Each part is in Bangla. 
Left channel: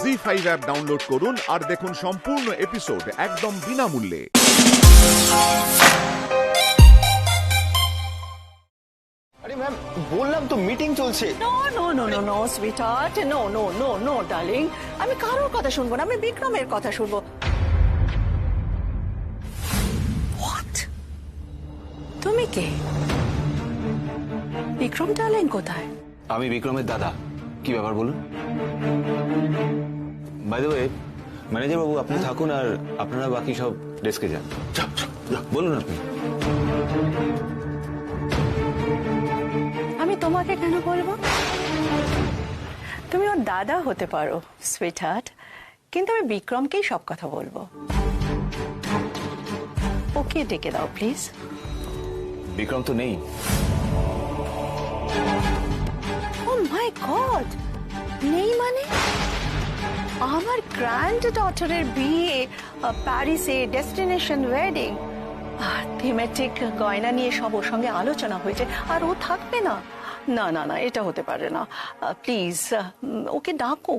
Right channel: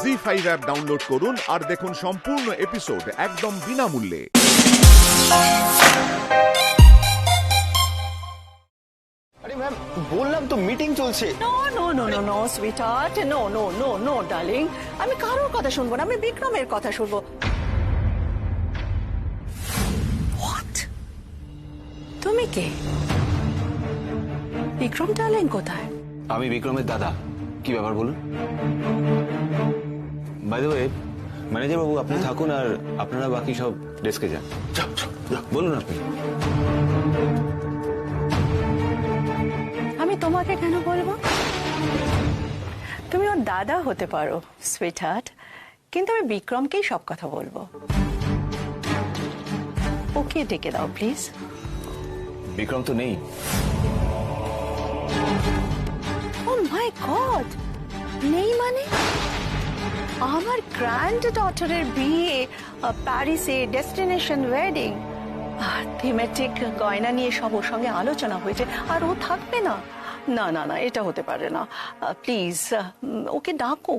জি5 অ্যাপ ডাউনলোড করুন আর দেখুন সম্পূর্ণ এপিসোড একদম বিনামূল্যে। আরে ম্যাম বললাম তো মিটিং চলছে। নো সুইটহার্ট, নো ডার্লিং, আমি কারোর কথা শুনবো না, আমি বিক্রমের কথা শুনবো। হোয়াট? তুমি কে? বিক্রম ডার্লিং কোথায়? আমি বিক্রমের দাদা। কি ব্যাপার বলুন? বাই দ্য ওয়ে ম্যানেজার বাবু আপনি থাকুন আর আপনারা বাকি সব ডেস্কে যান। বলুন আপনি। আমি তোমাকে কেন বলবো? তুমি ওর দাদা হতে পারো সুইটহার্ট, কিন্তু আমি বিক্রমকেই সব কথা বলবো। ওকে ডেকে দাও প্লিজ। বিক্রম তো নেই। ও মাই গড, নেই মানে? আমার গ্র্যান্ড ডটারের বিয়ে প্যারিসে, ডেস্টিনেশন ওয়েডিং, থিমেটিক গয়না নিয়ে সব ওর সঙ্গে আলোচনা হয়েছে, আর ও থাকবে না? না না না, এটা হতে পারে না। প্লিজ ওকে ডাকো।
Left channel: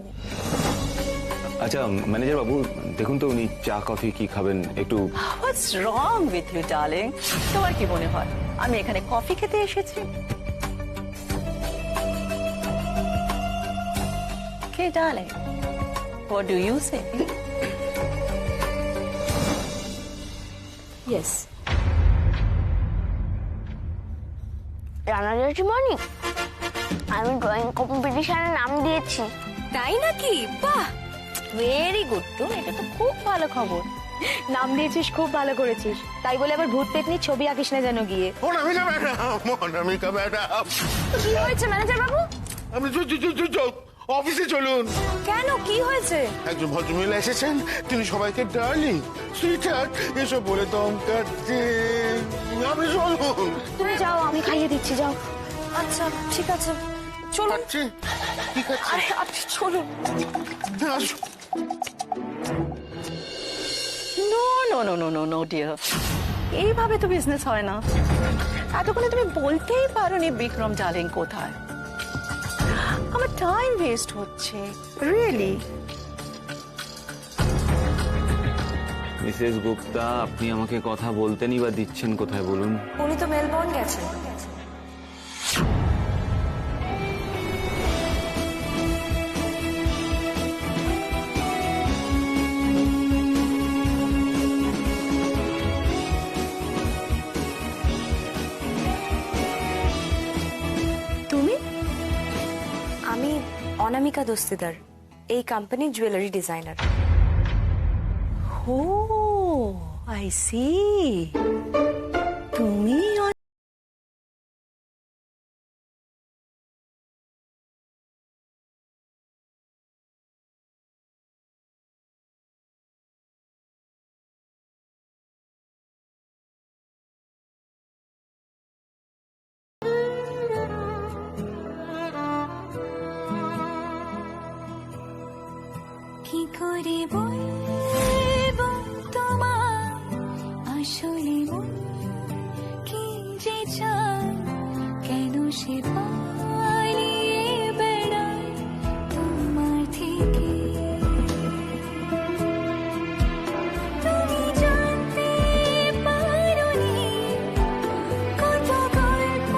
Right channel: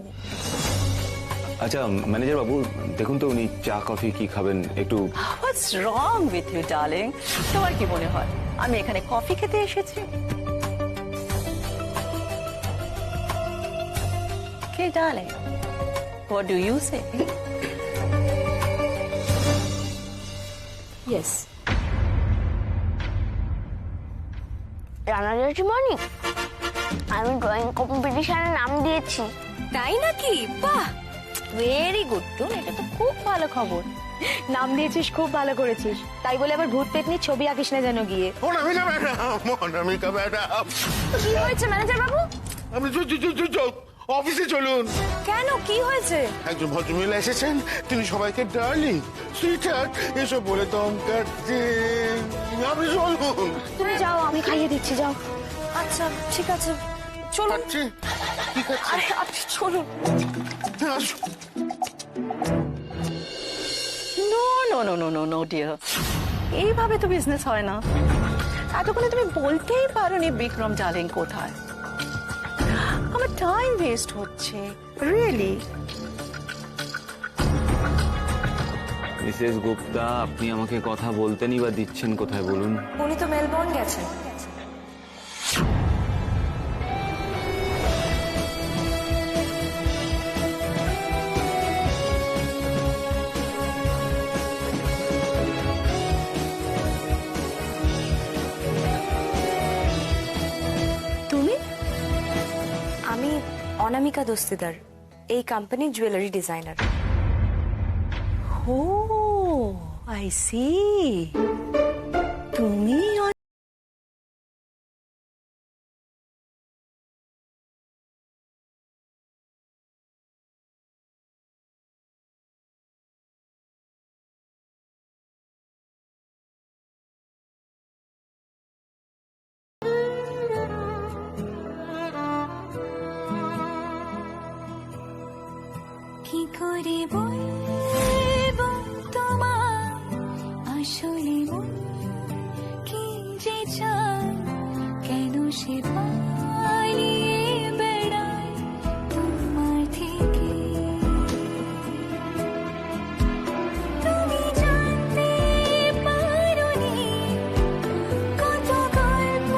আচ্ছা ম্যানেজার বাবু দেখুন তো উনি চা কফি কি খাবেন একটু। What's wrong with you darling? তোমার কি মনে হয় আমি এখানে কফি খেতে এসেছি? কে darling? What do you say? Yes. রানারের মর্নিং আমি ড্রয়িং কম্পিটিশনে নাম দিয়েছি। তাই নাকি? বাহ, ভেরি গুড। তো এটা তো খুব ভালো খবর। নাম দিয়েছিস, খুব ভালো করেছিস। তাই বলে আবার ভূত পেতনির ছবি আঁকিস না যেন গিয়ে। অনামিকা ম্যাডাম, কি হয়েছে ম্যানেজার বাবু? আপনি অফিসে চলুন। কেন, কি হয়েছে? একজন ভদ্রমহিলা এসেছেন, তিনি সবাইকে ডার্লিং, সুইটহার্ট এসব বলে ধমকাচ্ছে। আপনি চলুন। তুমি যাও, আমি খাইয়ে দিচ্ছি, যাও। আচ্ছা ঠিক আছে, চলুন। খাচ্ছে? কি খাচ্ছে? আরে আপনি চলুন। আসুন। নো ডিয়ার, এইভাবে তো বিজনেস হয় না। এতক্ষণে তুমি বলতেই পারোনি বিক্রম ডার্লিং কোথায়। আমার টাইম ওয়েস্ট হচ্ছে রিয়েলি। মিসেস গুপ্তা আপনি আমাকে কথা বলতেনই বা দিচ্ছেন কোথায় বলুন? উনি তো মেলবোর্ন গেছেন। তুমি? আমি অনামিকা দস্তিদার, এই কোম্পানির jewellery designer. Oh I see, তুমি কি করে বলবো তোমার আসলে মন কি যে চায়, কেন সে পালিয়ে বেড়ায় তোমার থেকে। তুমি জানতে পারোনি কত গল্প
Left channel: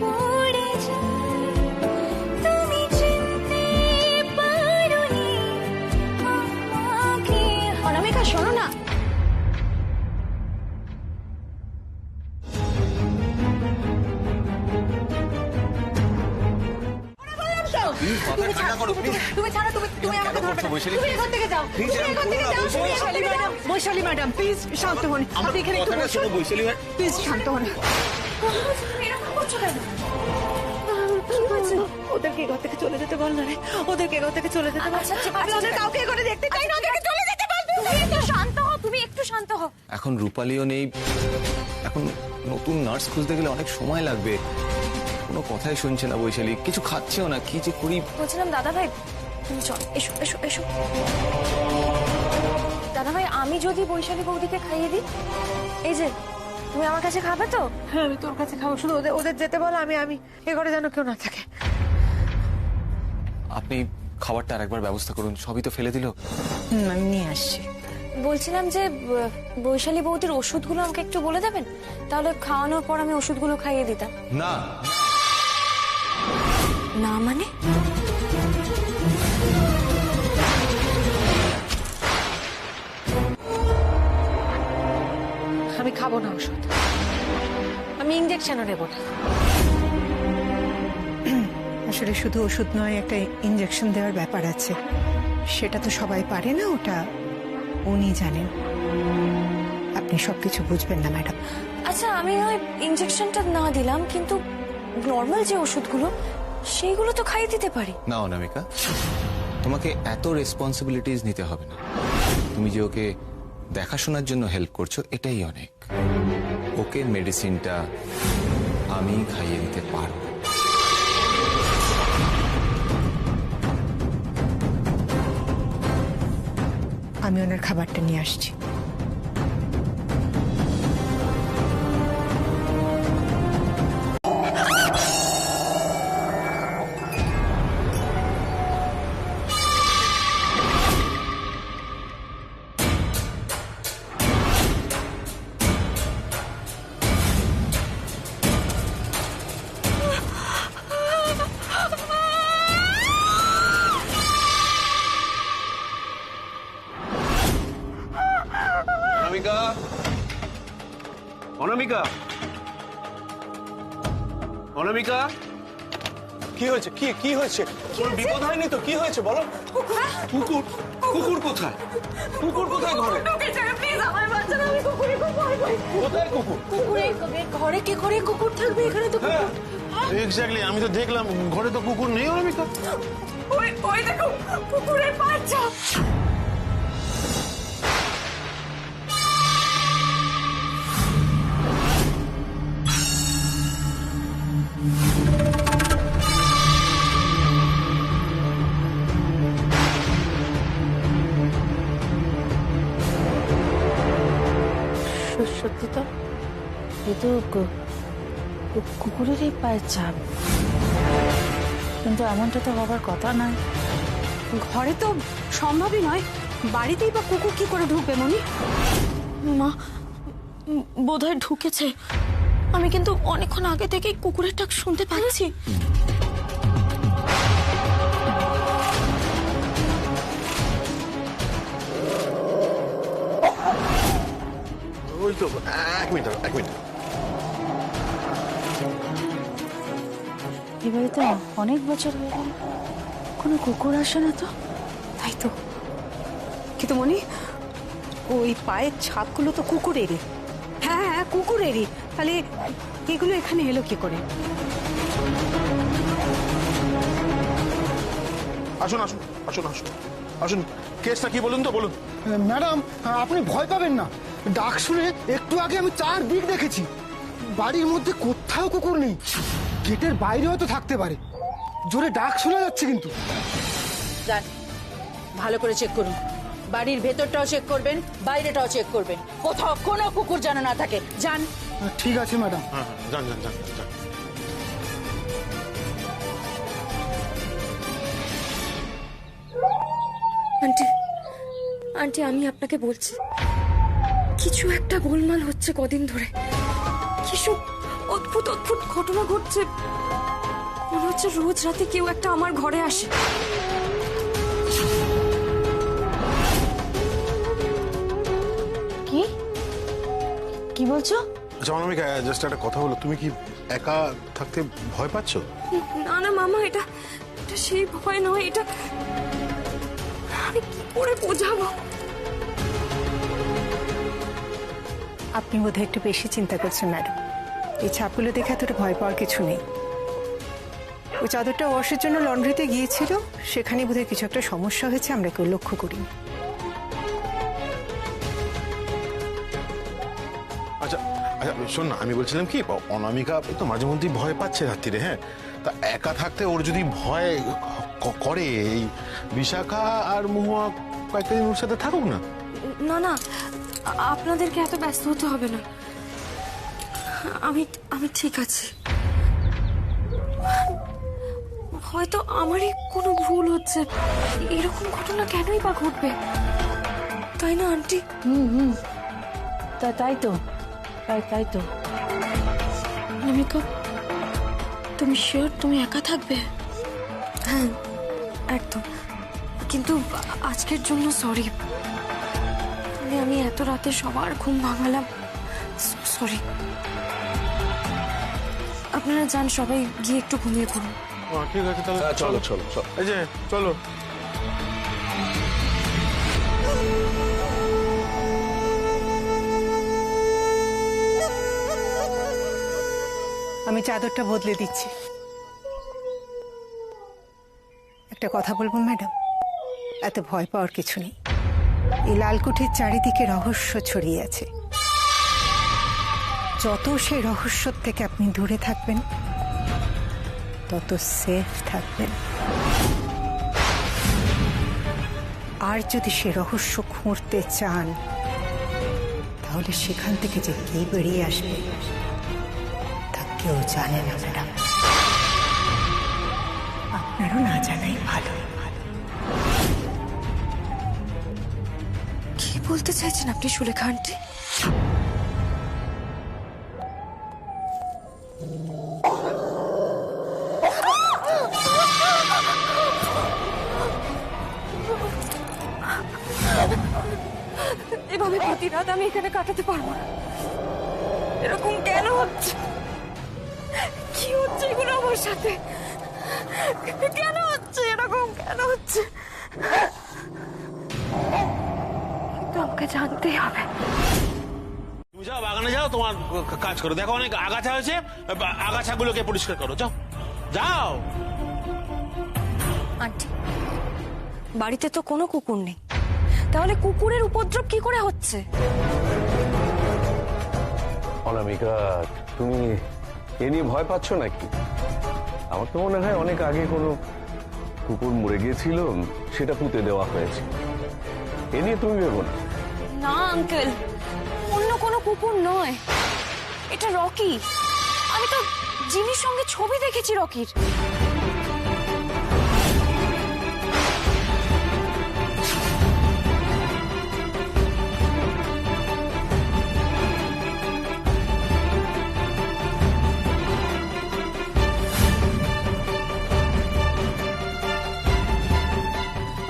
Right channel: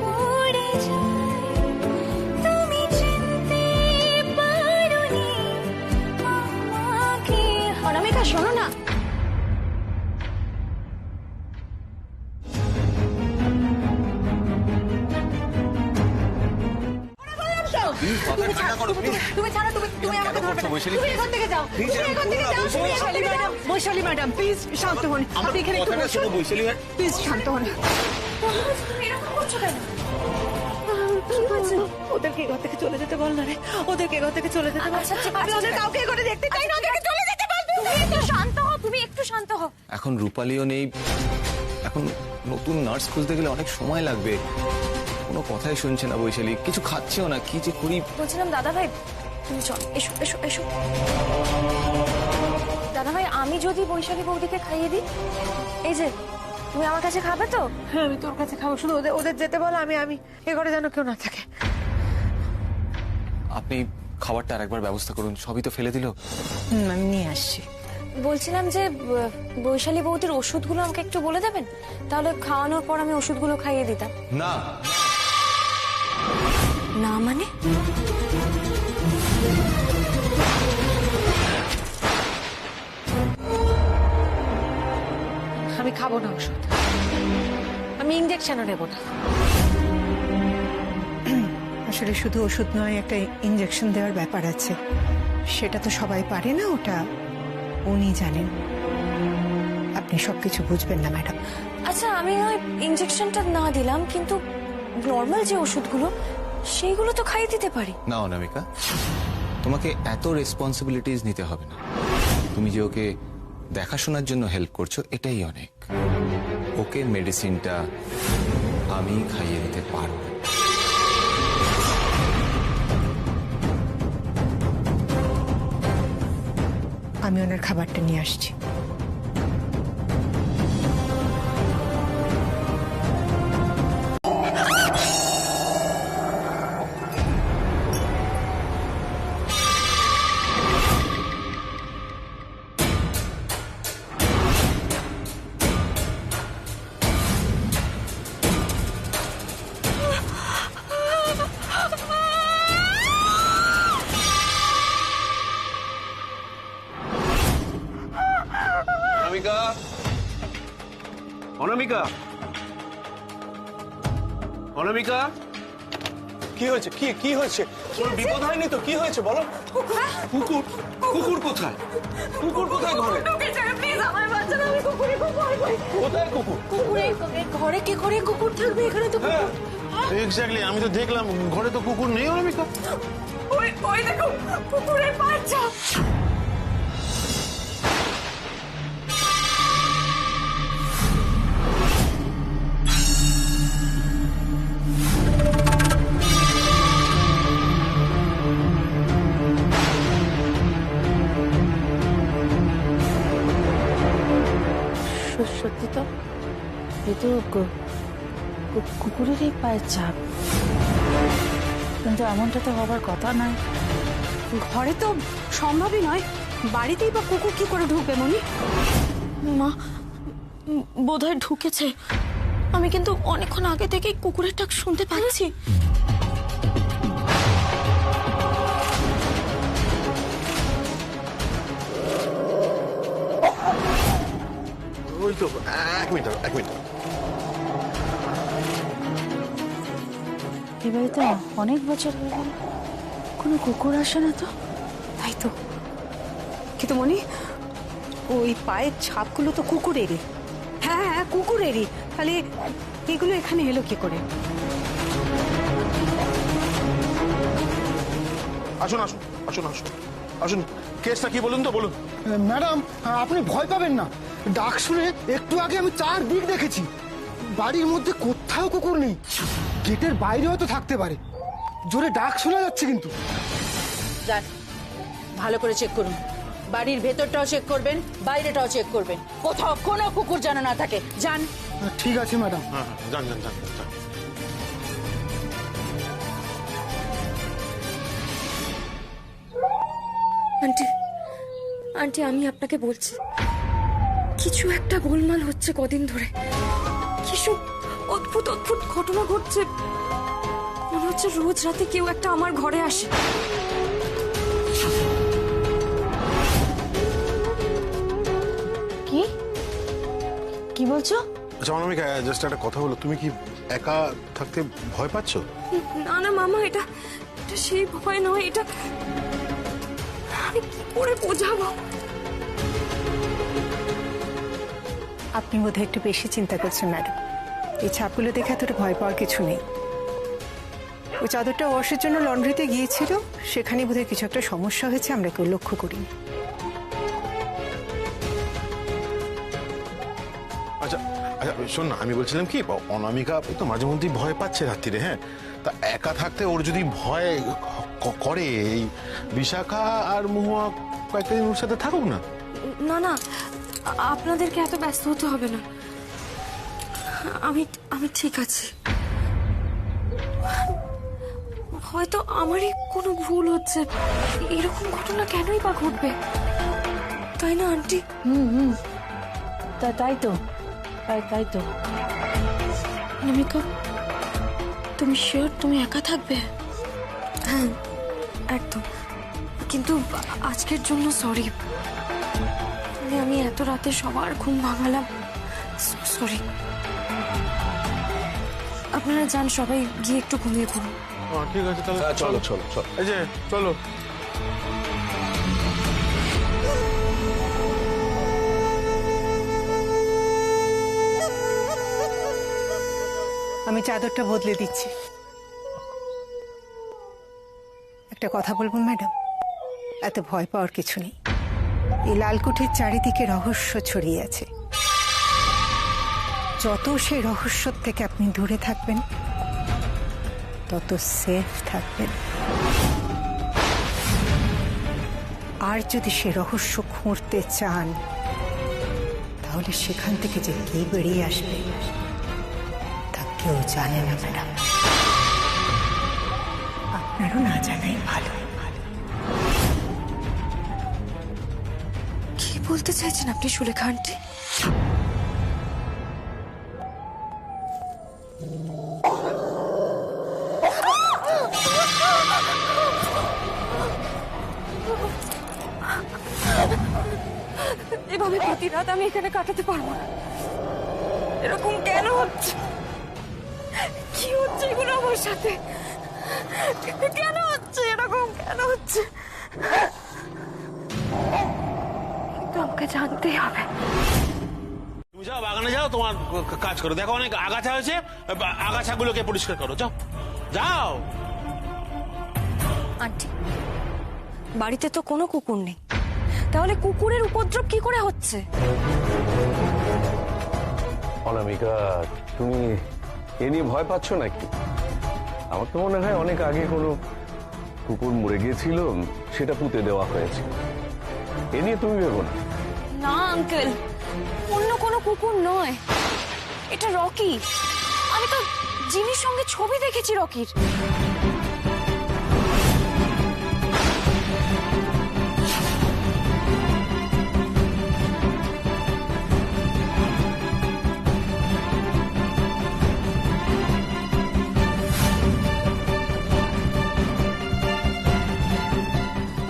পড়ে যায়, তুমি চিনতে পারোনি আমাকে। অনামিকা শোনো না, তুমি ছাড়ো, তুমি আমাকে ধরবে না। তুমি এখান থেকে যাও, তুমি এখান থেকে যাও। বৈশালী ম্যাডাম প্লিজ শান্ত হন। আপনি এখানে একটু বসুন, প্লিজ শান্ত হন। তুমি এরকম করছো কেন? ওদেরকে ঘর থেকে চলে যেতে বল না রে, ওদেরকে ঘর থেকে চলে যেতে বল। আচ্ছা, ঠিক আছে, আমি ওদের কাউকে করে দেখতে চাই না, ওদেরকে চলে যেতে বল। তুমি একটু শান্ত হও, তুমি একটু শান্ত হও। এখন রূপালীও নেই, এখন নতুন নার্স খুঁজতে গেলে অনেক সময় লাগবে। কোনো কথাই শুনছে না বৈশালী, কিছু খাচ্ছেও না, কি যে করি। বলছিলাম দাদা ভাই, তুমি চল, এসো এসো এসো। দাদা ভাই, আমি যদি বৈশালী বৌদিকে খাইয়ে দিই, এই যে তুমি আমার কাছে খাবে তো? হ্যাঁ আমি তোর কাছে খাবো, শুধু ওদের যেতে বল। আমি এ ঘরে যেন কেউ না থাকে। আপনি খাবারটা আরেকবার ব্যবস্থা করুন, সবই তো ফেলে দিল। আমি নিয়ে আসছি। বলছিলাম যে বৈশালী বৌদির ওষুধগুলো আমাকে একটু বলে দেবেন, তাহলে খাওয়ানোর পর আমি ওষুধগুলো খাইয়ে দিতাম। না, না মানে? আমি খাবো না ওষুধ, আমি ইঞ্জেকশনও নেব না। আসলে শুধু ওষুধ নয়, একটা ইঞ্জেকশন দেওয়ার ব্যাপার আছে, সেটা তো সবাই পারে না, ওটা উনি জানেন। আপনি সবকিছু বুঝবেন না ম্যাডাম। আচ্ছা, আমি নয় ইঞ্জেকশনটা না দিলাম, কিন্তু নর্মাল যে ওষুধগুলো সেইগুলো তো খাইয়ে দিতে পারি। না অনামিকা, তোমাকে এত রেসপন্সিবিলিটিস নিতে হবে না। তুমি যে ওকে দেখাশোনার জন্য হেল্প করছো, এটাই অনেক। ওকে মেডিসিনটা আমি খাইয়ে দিতে পারবো। আমি ওনার খাবারটা নিয়ে আসছি। অনামিকা, অনামিকা, অনামিকা, কি হয়েছে? কি হয়েছে? কোনো বিপদ হয়নি তো? কি হয়েছে বলো। কুকুর? কুকুর কোথায়? কুকুর কোথায় ঘরে? কোথায় কুকুর? ঘরে কি করে কুকুর থাকবে? এখানে তো কুকুর। এক্স্যাক্টলি, আমি তো দেখলাম ঘরে তো কুকুর নেই অনামিকা। ওই দেখো কুকুরের বাচ্চা। সত্যি তো, এ তো কুকুরেরই পায়ের ছাপ, কিন্তু এমনটা তো হবার কথা না। ঘরে তো সম্ভবই নয়, বাড়িতেই বা কুকুর কি করে ঢুকবে মনি? মা বোধহয় ঢুকেছে, আমি কিন্তু অনেকক্ষণ আগে থেকেই কুকুরের ডাক শুনতে পাচ্ছি। ওই তো, এক মিনিট। এ বাড়িতে অনেক বছর হয়ে গেল, কোনো কুকুর আসে না তো। তাই তো, কিন্তু মনি ওই পায়ের ছাপগুলো তো কুকুরেরই। হ্যাঁ, কুকুরেরই, তাহলে এগুলো এখানে এলো কি করে? আসুন, কেসটা কি বলুন তো, বলুন। ম্যাডাম, আপনি ভয় পাবেন না। ডাক শুনে একটু আগে আমি চারদিক দেখেছি, বাড়ির মধ্যে কোথাও কুকুর নেই। গেটের বাইরে হয়তো থাকতে পারে, জোরে ডাক শোনা যাচ্ছে কিন্তু। যান, ভালো করে চেক করুন। বাড়ির ভেতরটাও চেক করবেন, বাইরেটাও চেক করবেন, কোথাও কোনো কুকুর যেন না থাকে। যান। ঠিক আছে ম্যাডাম। হ্যাঁ, যান। আন্টি, আমি আপনাকে বলছি, কিছু একটা গোলমাল হচ্ছে কদিন ধরে। কিছু অদ্ভুত ঘটনা ঘটছে। মনে হচ্ছে রোজ রাতে কেউ একটা আমার ঘরে আসে। কি বলছো? আচ্ছা অনামিকা, জাস্ট একটা কথা বলো, তুমি কি একা থাকতে ভয় পাচ্ছ? না মামা, এটা সেই ভয় নয়। এটা আমি কি করে বোঝাবো? আপনি বোধহয় একটু বেশি চিন্তা করছেন ম্যাডাম। এই ছাপগুলো দেখে এতটা ভয় পাওয়ার কিছু নেই। ওই চাদরটা ওয়াশের জন্য লন্ড্রিতে গিয়েছিল, সেখানে বোধহয় কিছু একটা সমস্যা হয়েছে, আমরা কেউ লক্ষ্য করিনি। আচ্ছা, শোন না, আমি বলছিলাম কি, অনামিকা তো মাঝে মধ্যেই ভয় পাচ্ছে রাত্রিরে। হ্যাঁ, তা একা থাকতে ওর যদি ভয় করে, এই বিশাখা আর মহুয়া কয়েকটা দিন ওর সাথে থাকুক না। না, আপনাদেরকে এত ব্যস্ত হতে হবে না। আমি ঠিক আছি। হয়তো আমারই কোনো ভুল হচ্ছে, এরকম ঘটনা কেনই বা ঘটবে, তাই না আন্টি? তাই তো তাই তো। অনামিকা, তুমি শিওর তুমি একা থাকবে? হ্যাঁ একদম, কিন্তু আজকের জন্য সরি, আমি এত রাতে সবার ঘুম ভাঙালাম, সরি। আপনারা যান, সবাই গিয়ে একটু ঘুমিয়ে পড়ুন। ঠিক আছে তাহলে চলো চলো চলো। এই যে চলো। আমি চাদরটা বদলে দিচ্ছি। একটা কথা বলবো ম্যাডাম, এত ভয় পাওয়ার কিছু নেই। এই লালকুঠির চারিদিকে রহস্য ছড়িয়ে আছে, যত সেই রহস্য থেকে আপনি দূরে থাকবেন তত সেফ থাকবেন। আর যদি সে রহস্য খুঁড়তে চান তাহলে সেখান থেকে যে কে বেরিয়ে আসবে তা কেউ জানে না ম্যাডাম, আপনারও না জানাই ভালো। কি বলতে চাইছেন আপনি সুলেখা আন্টি? এভাবে প্রতি রাত আমি এখানে কাটাতে পারবো না। এরকম কেন হচ্ছে? কি হচ্ছে এগুলো আমার সাথে? কেন হচ্ছে এরকম? কেন হচ্ছে? কিন্তু আমাকে জানতেই হবে। তুমি যাও বাগানে, যাও তোমার কাজ করো, দেখো অনেক আগাছা হয়েছে, আগাছাগুলোকে পরিষ্কার করো, যাও যাও। আন্টি, বাড়িতে তো কোনো কুকুর নেই, তাহলে কুকুরের উপদ্রব কি করে হচ্ছে? অনামিকা, তুমি এ নিয়ে ভয় পাচ্ছ নাকি? আমার তো মনে হয় অনেক আগে কোনো কুকুর মরে গিয়েছিল, সেটা পুঁতে দেওয়া হয়েছে। এ নিয়ে তুমি ভেবো না। না আঙ্কেল, অন্য কোনো কুকুর নয়, এটা রকি। আমি তো জিনির সঙ্গে ছবি দেখেছি রকির।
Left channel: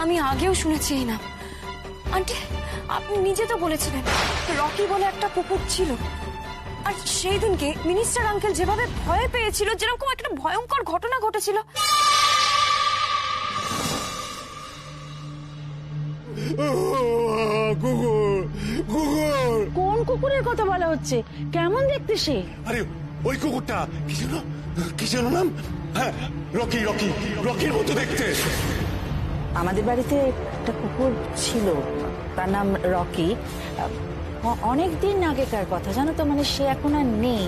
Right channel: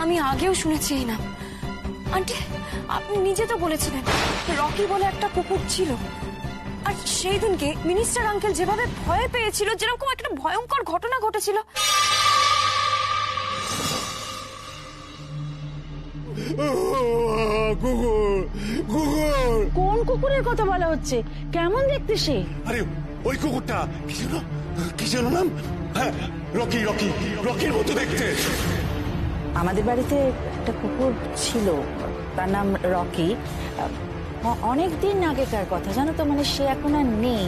আমি আগেও শুনেছি এই নাম। আন্টি, আপনি নিজে তো বলেছিলেন রকি বলে একটা কুকুর ছিল, আর সেই দিনকে মিনিস্টার আঙ্কেল যেভাবে ভয় পেয়েছিল, যেরকম একটা ভয়ঙ্কর ঘটনা ঘটেছিল। কোন কুকুরের কথা বলা হচ্ছে? কেমন দেখতে সে? আরে ওই কুকুরটা কি যেন নাম? হ্যাঁ, রকি রকি রকির মতো দেখতে। আমাদের বাড়িতে একটা কুকুর ছিল, তার নাম রকি। অনেক দিন আগেকার কথা, জানো তো, মানে সে এখন আর নেই।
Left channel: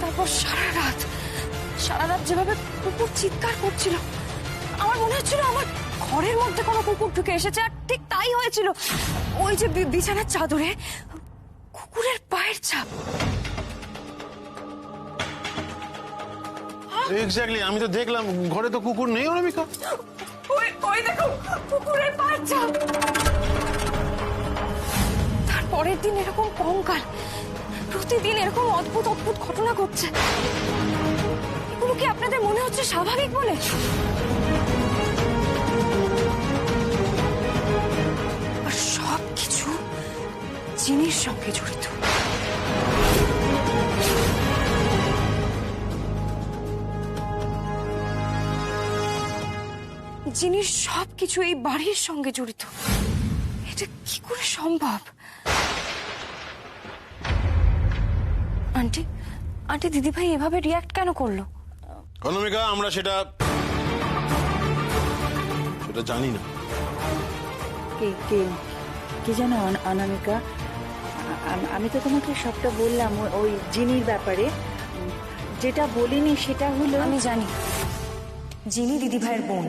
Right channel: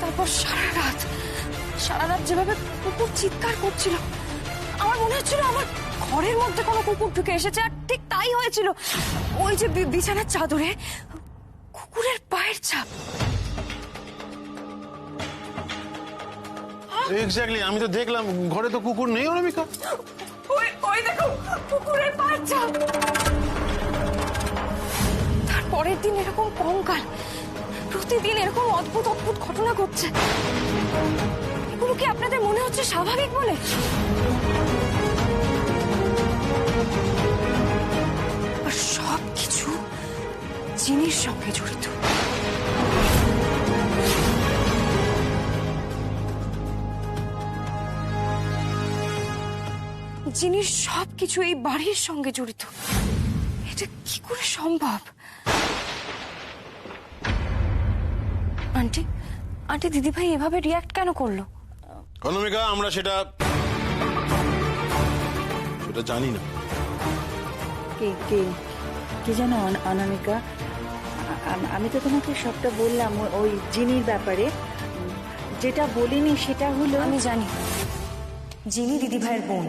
তারপর সারা রাত যেভাবে কুকুর চিৎকার করছিল, আমার মনে হচ্ছিল আমার ঘরের মধ্যে কোনো কুকুর ঢুকে এসেছে। আর ঠিক তাই হয়েছিল। ওই যে বিছানার চাদরে কুকুরের পায়ের ছাপ। এক্স্যাক্টলি, আমি তো দেখলাম, ঘরে তো কুকুর নেই অনামিকা। ওই দেখো কুকুরের পায়ের ছাপ। তারপরের দিন এরকম কঙ্কাল, প্রতিদিন এরকম অদ্ভুত অদ্ভুত ঘটনা ঘটছে। এগুলো কি আপনাদের মনে হচ্ছে স্বাভাবিক বলে? আর সবকিছু জিনির সঙ্গে জড়িত। জিনির সবকিছু এই বাড়ির সঙ্গে জড়িত। এটা কি করে সম্ভব? আন্টি দিদিভাই এভাবে রিয়াক্ট কেন করলো? অনামিকা, আমরা সেটা জানি না। কি জানো অনামিকা, আমি তো তোমাকে সবটা বললাম ওই জিনির ব্যাপারে। যেটা বলিনি সেটা হলো, আমি জানি জিনি দিদিভাইয়ের বোন।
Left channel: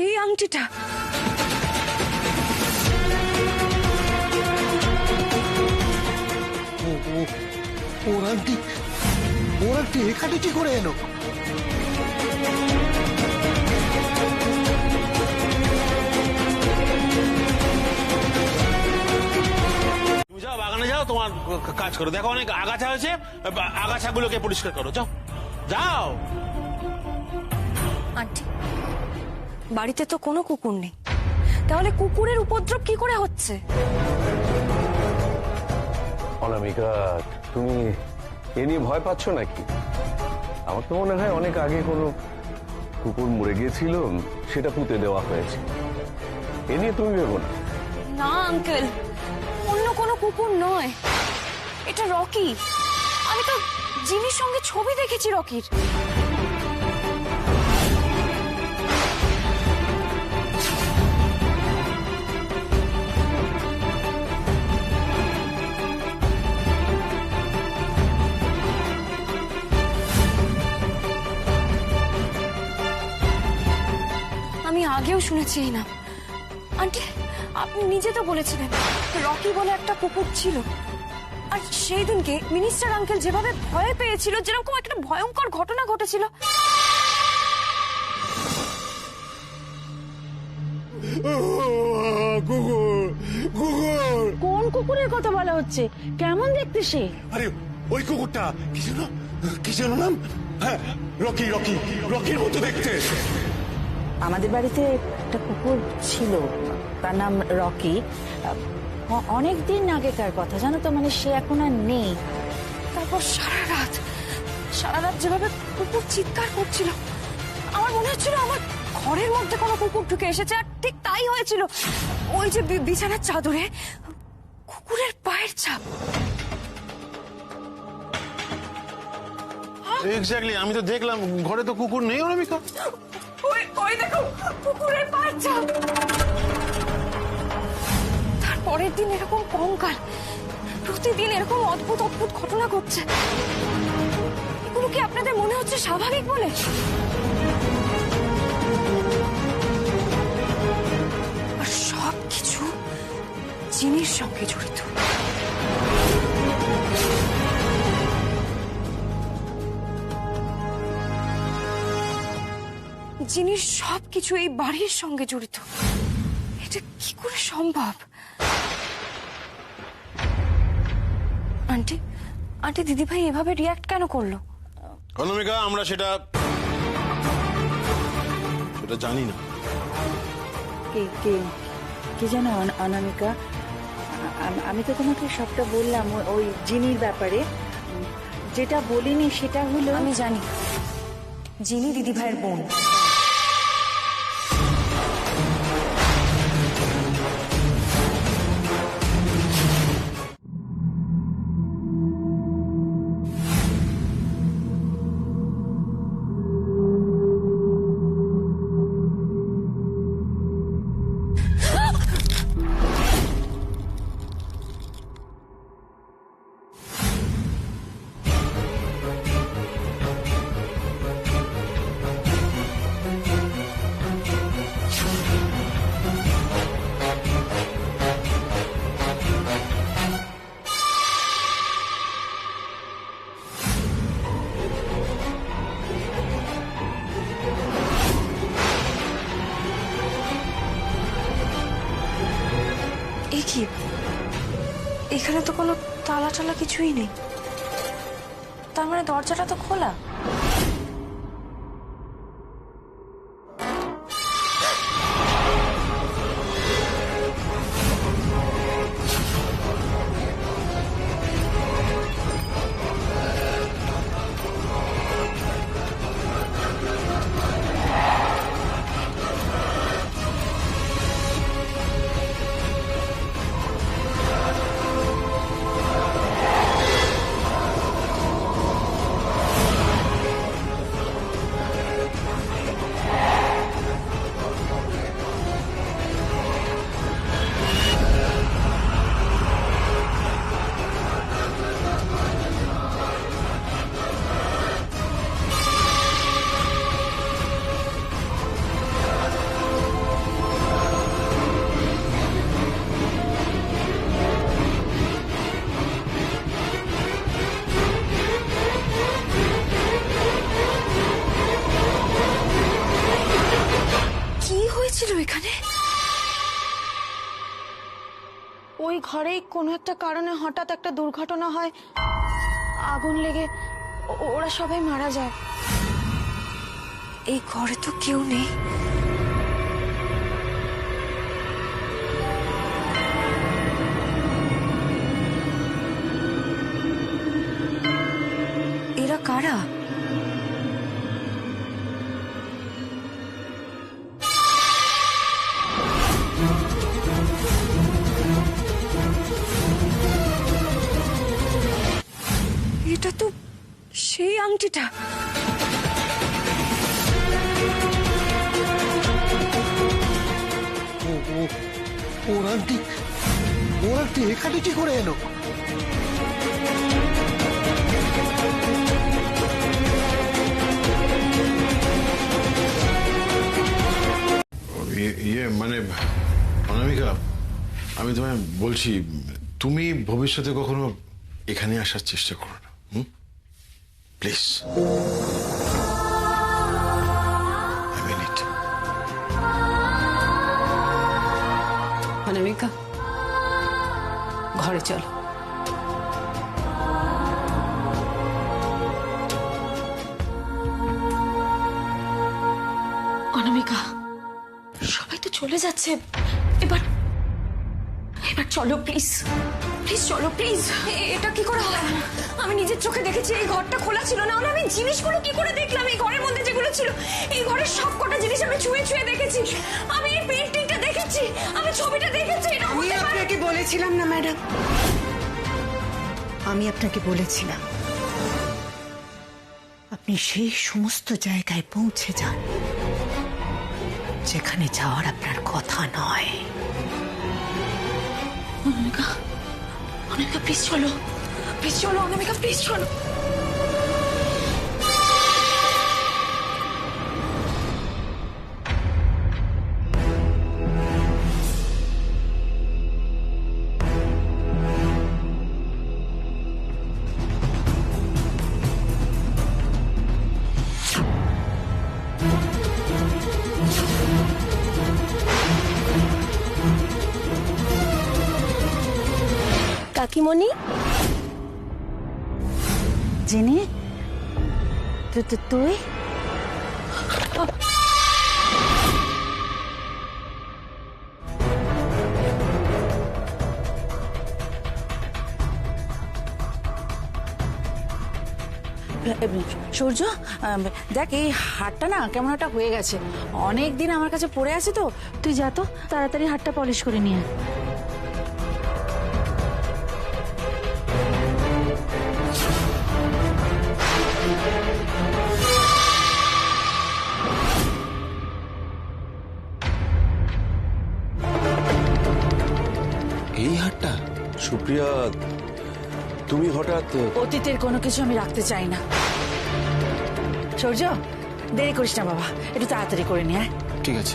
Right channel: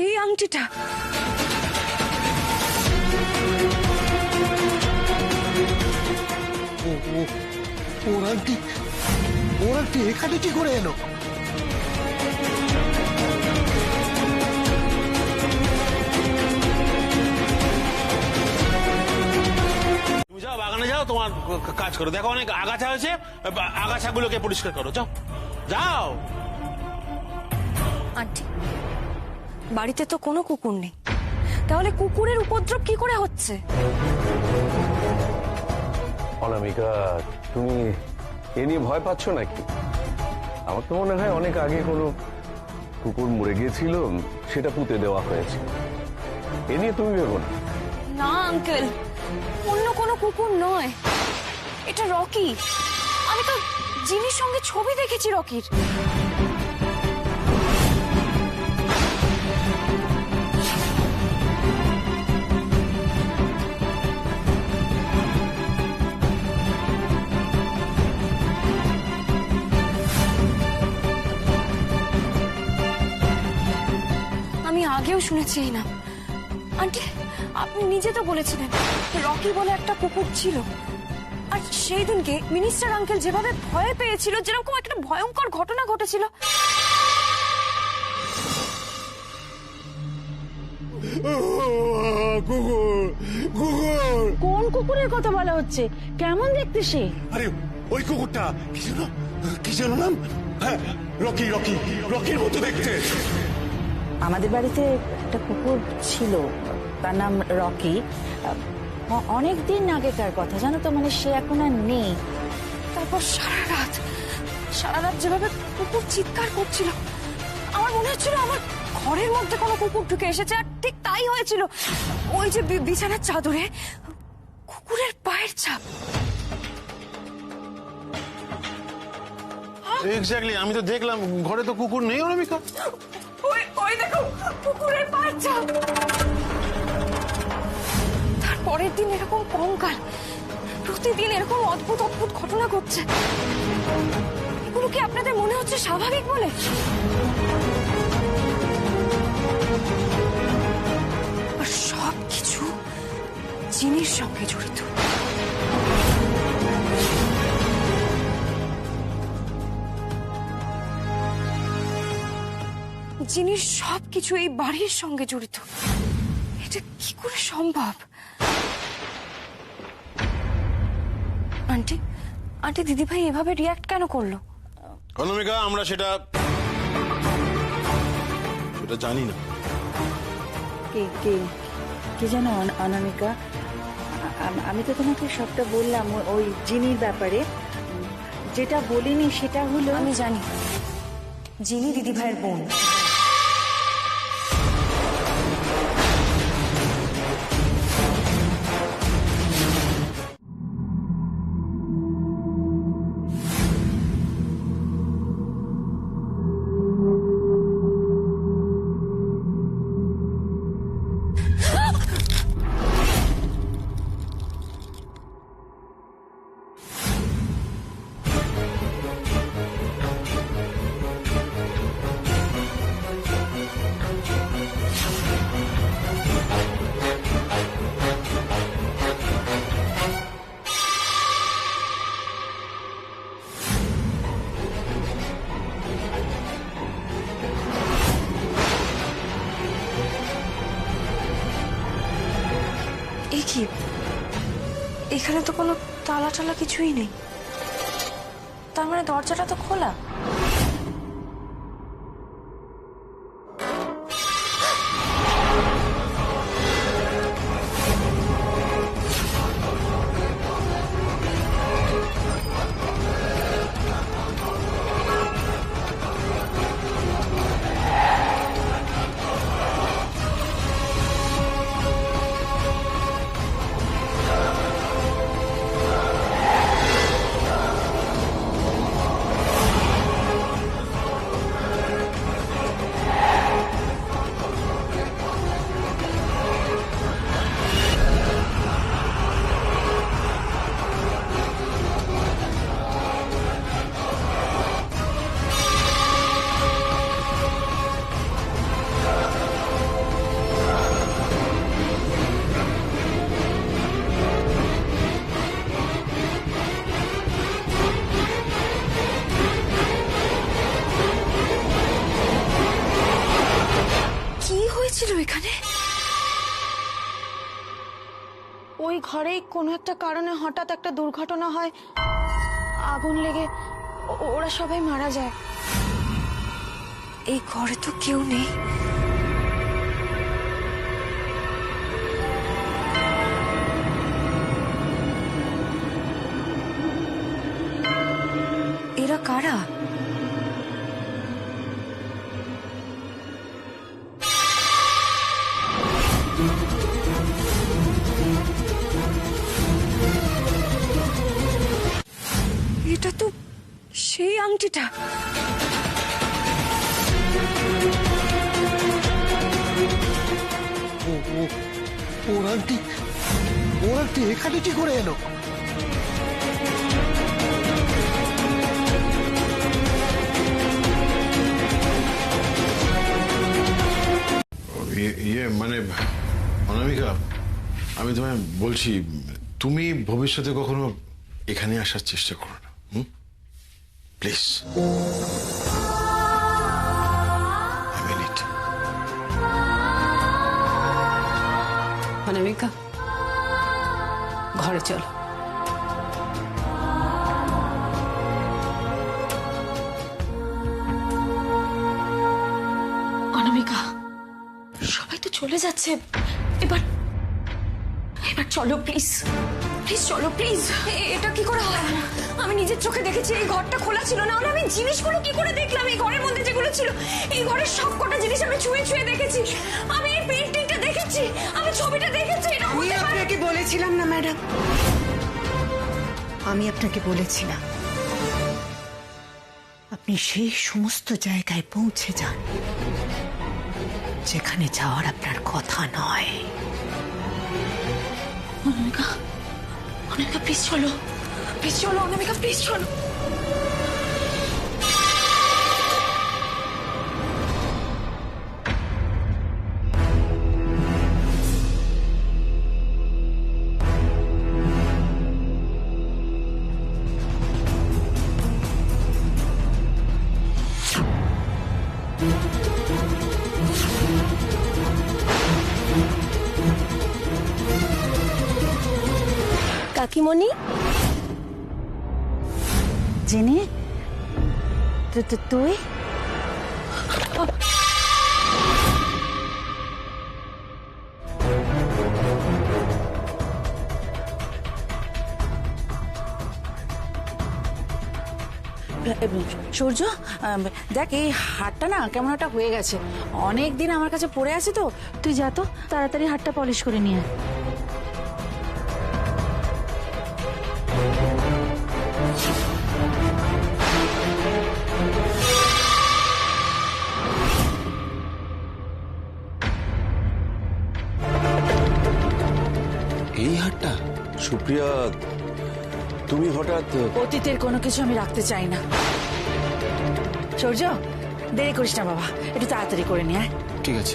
সেই আংটিটা। ওর আংটি এখানে কি করে এলো? তুমি যাও বাগানে যাও, তোমার কাজ করো। দেখো অনেক আগাছা হয়েছে, আগাছাগুলোকে পরিষ্কার করো। যাও যাও। আন্টি, বাড়িতে তো কোনো কুকুর নেই, তাহলে কুকুরের উপদ্রব কি করে হচ্ছে? অনামিকা, তুমি এ নিয়ে ভয় পাচ্ছ নাকি? আমার তো মনে হয় অনেক আগে কোনো কুকুর মরে গিয়েছিল, সেটা পুঁতে দেওয়া হয়েছে। এ নিয়ে তুমি ভেবো না। না আঙ্কেল, অন্য কোনো কুকুর নয়, এটা রকি। আমি তো জিনির সঙ্গে ছবি দেখেছি রকির। আমি আগেও শুনেছি এই নাম। আন্টি, আপনি নিজে তো বলেছিলেন রকি বলে একটা কুকুর ছিল, আর সেই দিনকে মিনিস্টার আঙ্কেল যেভাবে ভয় পেয়েছিল, যেরকম একটা ভয়ঙ্কর ঘটনা ঘটেছিল। কোন কুকুরের কথা বলা হচ্ছে? কেমন দেখতে সে? আরে ওই কুকুরটা কি যেন নাম? হ্যাঁ, রকি রকি রকির মতো দেখতে। আমাদের বাড়িতে একটা কুকুর ছিল, তার নাম রকি। অনেক দিন আগেকার কথা, জানো তো, মানে সে এখন আর নেই। তারপর সারা রাত যেভাবে কুকুর চিৎকার করছিল, আমার মনে হচ্ছিল আমার ঘরের মধ্যে কোনো কুকুর ঢুকে এসেছে। আর ঠিক তাই হয়েছিল। ওই যে বিছানার চাদরে কুকুরের পায়ের ছাপ। এক্স্যাক্টলি, আমি তো দেখলাম, ঘরে তো কুকুর নেই অনামিকা। ওই দেখো কুকুরের পায়ের ছাপ। তারপরের দিন এরকম কঙ্কাল, প্রতিদিন এরকম অদ্ভুত অদ্ভুত ঘটনা ঘটছে। এগুলো কি আপনাদের মনে হচ্ছে স্বাভাবিক বলে? আর সবকিছু জিনির সঙ্গে জড়িত। জিনির সবকিছু এই বাড়ির সঙ্গে জড়িত। এটা কি করে সম্ভব? আন্টি দিদিভাই এভাবে রিয়াক্ট কেন করলো? অনামিকা, আমরা সেটা জানি না। কি জানো অনামিকা, আমি তো তোমাকে সবটা বললাম ওই জিনির ব্যাপারে। যেটা বলিনি সেটা হলো, আমি জানি জিনি দিদিভাইয়ের বোন। এ কি, এখানে তো কোনো তালা টালা কিছুই নেই। তার মানে দরজাটা তো খোলা। ঘরেই কোনো একটা কারণে হঠাৎ একটা দুর্ঘটনা হয়, আগুন লেগে ওরা সবাই মারা যায়। এই ঘরে তো কেউ নেই। এরা কারা? এটা তো সেই আংটিটা। ওর আন্টি এখানে কি করে এলো? ইয়ে মানে অনামিকা, আমি তোমায় বলছি, তুমি ভবিষ্যতে কখনো এখানে আসার চেষ্টা করো না, প্লিজ। অনামিকা, ঘরে চলো। অনামিকা, সবাই তো চলে যাচ্ছে, এবার চলো প্লিজ, প্লিজ চলো প্লিজ। এটা কি করে হয়? আমি নিজের চোখে দেখেছি এই ঘরটা খোলা ছিল, না হলে আমি জিনিসগুলো কি করে দেখলাম? এই ঘরের মধ্যে যেগুলো ছিল, এই ঘরের সব কটা জিনিস আমি ছুঁয়ে ছুঁয়ে দেখেছি। আমি এই পেন্টিংটা দেখেছি, আমি ছবিটা দেখেছি। আমি আপনাকে বলেছিলাম না ম্যাডাম, আমি আপনাকে বলেছিলাম আপনি সেই সমস্ত জায়গায় পৌঁছে যান যেখানে যাওয়ার আপনার কথা নয়। অনামিকা, অনামিকা প্লিজ চলো, প্লিজ চলো অনামিকা, প্লিজ চলো। কাকিমণি, জেনে তুই সূর্য, দেখ এই হাটটা না কেমন একটা হয়ে গেছে, অনেক দিন আমার কাছে পড়ে আছে তো, তুই যা তো তাড়াতাড়ি হাটটা পলিশ করে নিয়ে আয়। এই হাটটা? সুপ্রিয়া, তুমি হঠাৎ অতীতের কোনো কিছু আমি রাখতে চাই না। সূর্য, দেরি করিস না বাবা, একটু তাড়াতাড়ি করে নিয়ে আয়। ঠিক আছে।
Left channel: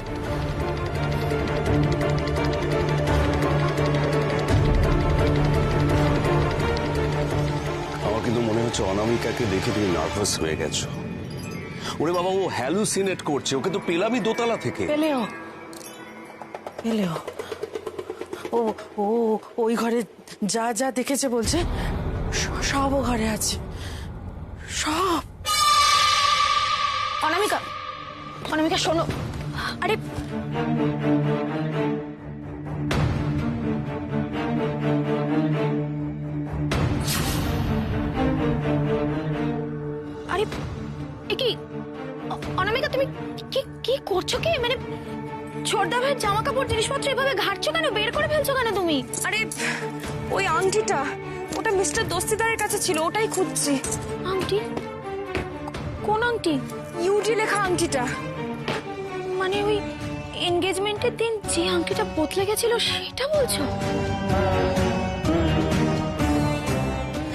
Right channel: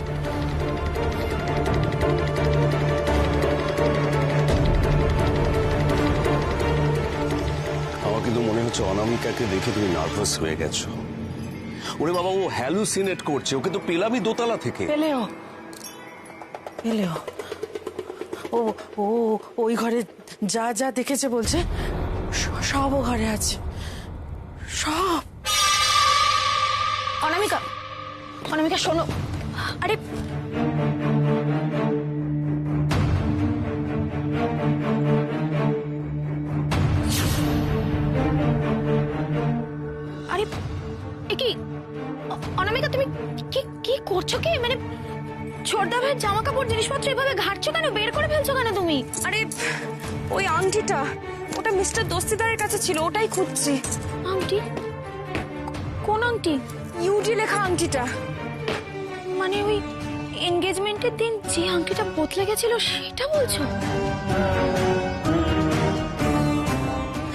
আমার কিন্তু মনে হচ্ছে অনামিকাকে দেখে তুমি নার্ভাস হয়ে গেছো। ওরে বাবা, ও হ্যালুসিনেট করছে, ওকে তো পেলামই দোতলা থেকে। পেলেও ও ও ওই ঘরে যা যা দেখেছে বলছে সব ও ঘরে আছে, সব। অনামিকা, অনামিকা শোনো, আরে আরে কি অনামিকা, তুমি কি করছো? কি মানে ছোটদা ভাইয়ের জামা কাপড় জিনিসপত্র এভাবে ঘাটছো কেন? বের করে ফেলছো কেন তুমি? আরে ওই আংটিটা, ওটা মিস্টার দস্তিদারের কাছে ছিল, ওটাই খুঁজছি। আংটি? কোন আংটি? ইউডি লেখা আংটিটা। মানে ওই এনগেজমেন্টের দিন যে আংটিটা বদলে গেছিল সেটা বলছো?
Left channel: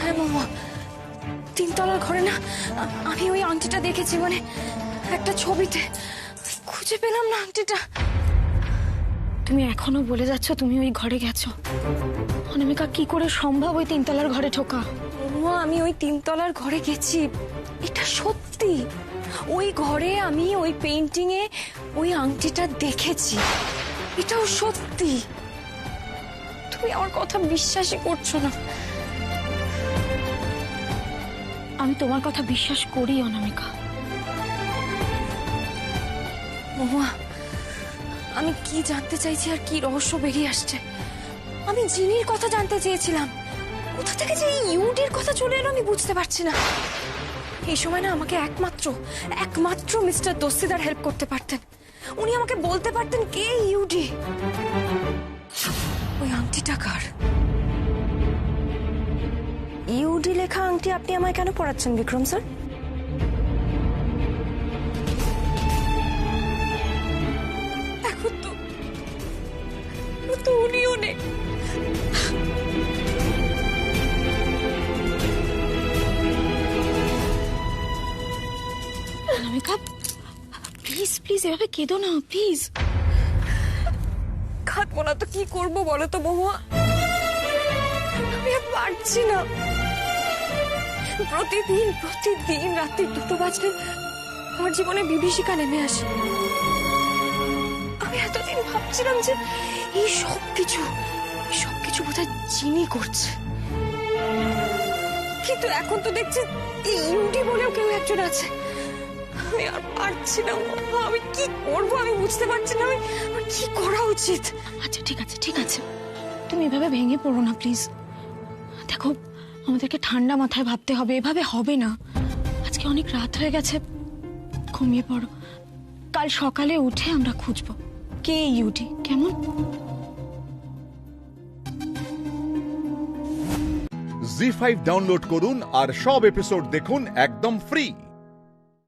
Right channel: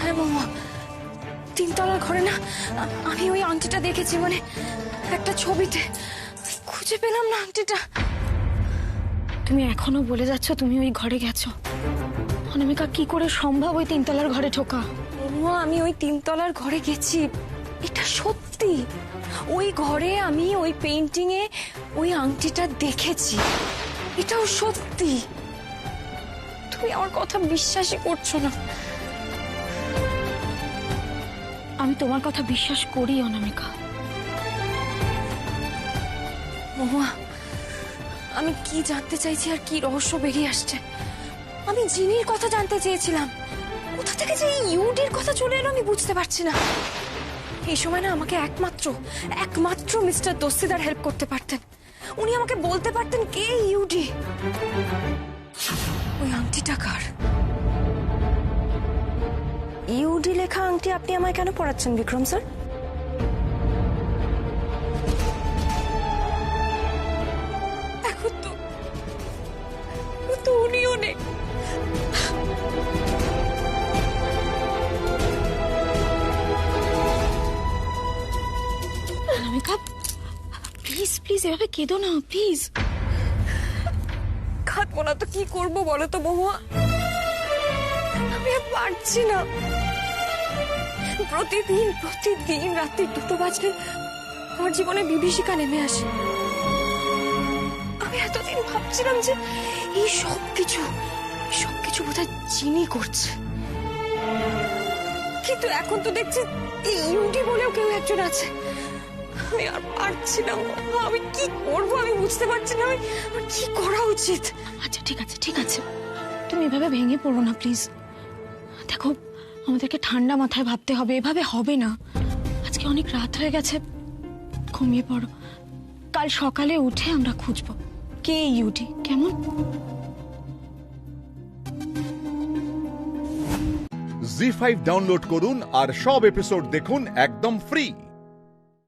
হ্যাঁ মামা, তিনতলার ঘরে না আমি ওই আংটিটা দেখেছি, মানে একটা ছবিতে। খুঁজে পেলাম না আংটিটা। তুমি এখনো বলে যাচ্ছ তুমি ওই ঘরে গেছো? অনামিকা, কি করে সম্ভব ওই তিনতলার ঘরে ঢোকা? মামা, আমি ওই তিনতলার ঘরে গেছি, এটা সত্যি। ওই ঘরে আমি ওই পেইন্টিং এ ওই আংটিটা দেখেছি, এটাও সত্যি। তুমি আমার কথা বিশ্বাসই করছো না। আমি তোমার কথা বিশ্বাস করি অনামিকা। মহুয়া, আমি কি জানতে চাইছি আর কি রহস্য বেরিয়ে আসছে। আমি জিনির কথা জানতে চেয়েছিলাম, কোথা থেকে যে এই ইউডির কথা চলে এলো আমি বুঝতে পারছি না। এই সময় না আমাকে একমাত্র মিস্টার দস্তিদার হেল্প করতে পারতেন। উনি আমাকে বলতে পারতেন কে ইউডি। ওই আংটিটা কার? ইউডি লেখা আংটি আপনি আমায় কেন পড়াচ্ছেন বিক্রম স্যার? এখন তো উনিও নেই। অনামিকা, প্লিজ প্লিজ এভাবে কেঁদো না, প্লিজ। কাঁদবো না তো কি করবো বলো তো মহুয়া? আমি আর পারছি না। প্রতিদিন রাত্রি 2টো বাজলে আমার জীবনে বিভীষিকা নেমে আসে। আমি এতদিন ভাবছিলাম যে এই সব কিছু বোধহয় জিনি করছে, কিন্তু এখন তো দেখছি এই ইউডি বলেও কেউ একজন আছে। আমি আর পারছি না। আমি কি করবো আমি বুঝতে পারছি না। আমার কি করা উচিত? আচ্ছা ঠিক আছে, তুমি এভাবে ভেঙে পড়ো না প্লিজ। দেখো, আমাদেরকে ঠান্ডা মাথায় ভাবতে হবে, এভাবে হবে না। আজকে অনেক রাত হয়ে গেছে, ঘুমিয়ে পড়ো। কাল সকালে উঠে আমরা খুঁজবো কে ইউডি, কেমন? জি5 ডাউনলোড করুন আর সব এপিসোড দেখুন একদম ফ্রি।